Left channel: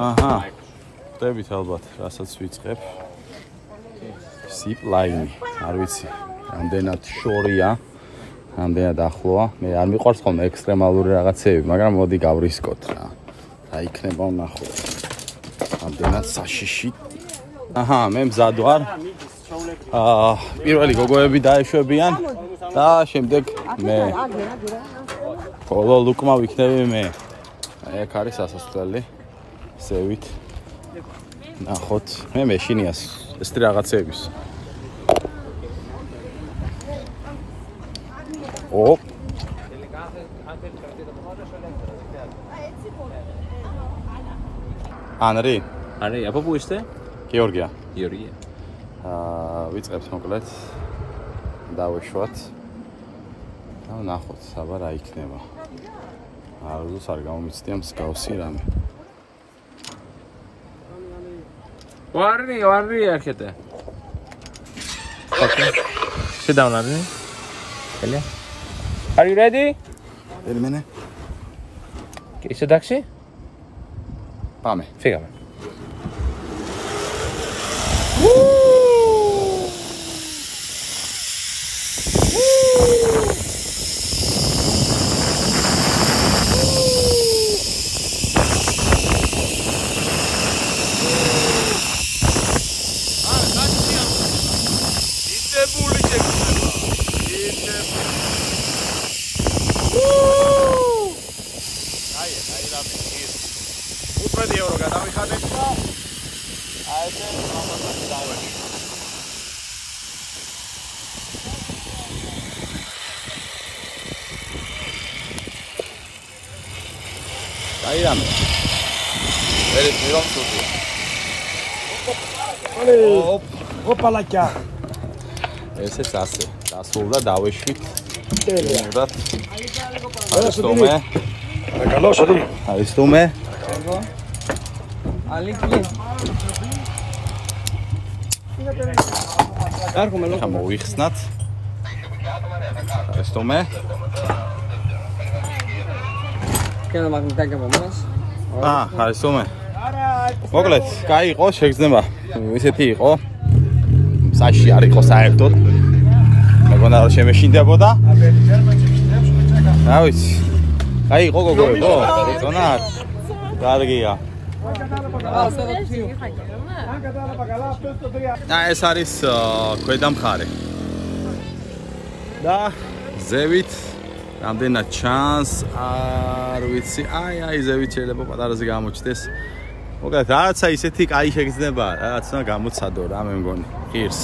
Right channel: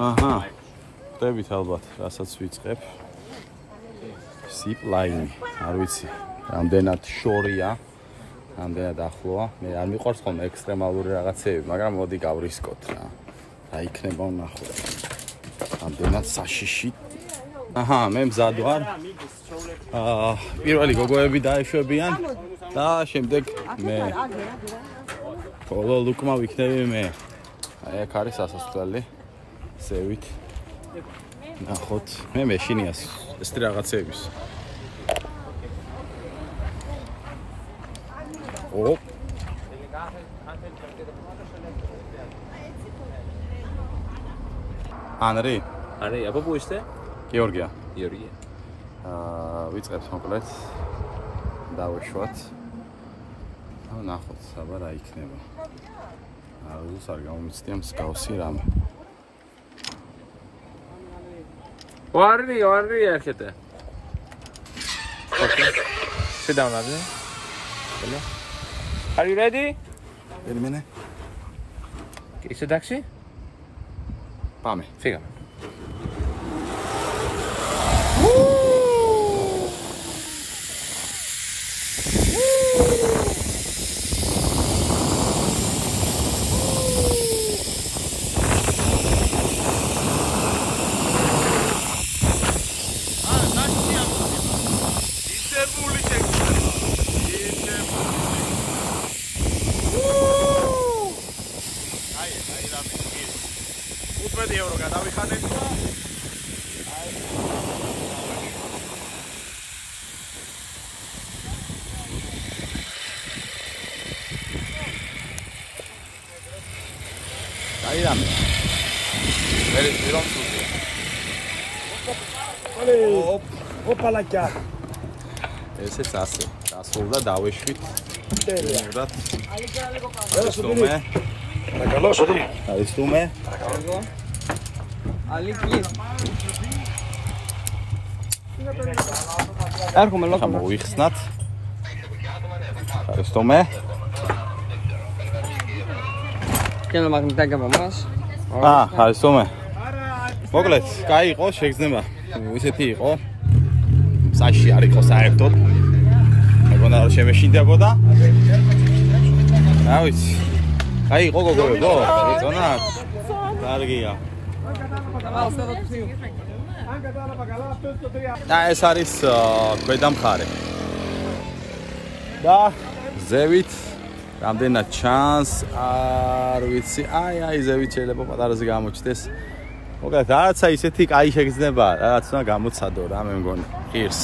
აჰა. ხდებით ალბათ, რასაც ვიწყებ. Zipline, არ ვიცი, რამდენად შორია, რამდენად ახლოა. მე არ მიყვარს ხოლმე ექსტრემალური რაღაცები, მაგრამ მოდი გავრისკოთ რა. რა იქნება ვნახოთ. რამდენად საშიში. აჰა, მე მზად ვარ. პირველი გოგოები დაეშვებიან და შემდეგ მე. ბოლო ლუკმა ვიქნები მე. აი აქ არის ასასვლელი. ზევით. ნახოთ, მე მეშინიას ეს რაღაცების. ოპ. Анри. Анри, а папу είστε? Გеორგია. Გеорგია. ვიწყებთ მოკლედ. დავეშვათ. და ნახოთ, საბა რა იქნება. არუზოს არ გამომიცდია მსგავსი რამე. Арри, έρχεται. Sit down, Arri. Are you ready? Περίμενε. Είσαι εντάξει? Πάμε. Φύγαμε. €15 გადავიხადეთ და აი ეს დავე. აი რამე. ეს მირონ სულია. ოპალაკა. ეს ასე. დასრულდა დავეშვით. გენერად. არისტომე. არისტომე. ახლა მოვიხსნათ. არისტომე. არისტომე. მოკლედ, კაი იყო, შეგრძნება. ისეთი იყო. საში არ იყო საერთოდ. მეგონა რომ შემეშინდებოდა. რა ვიცი. კაი იყო გოგოებო, ეწონათ? კარგია. ეს არის ქვედა მხარე. და ზევით რამდენად ჩანს, არ ვიცი. აი ზევით შეიძლება პატარაზე გამოჩნდეს. მოკლედ, რაღაცა ისეთი კაი შეგრძნება, რაღაც უნდა გამოცადო რა მე მგონი. ღირს.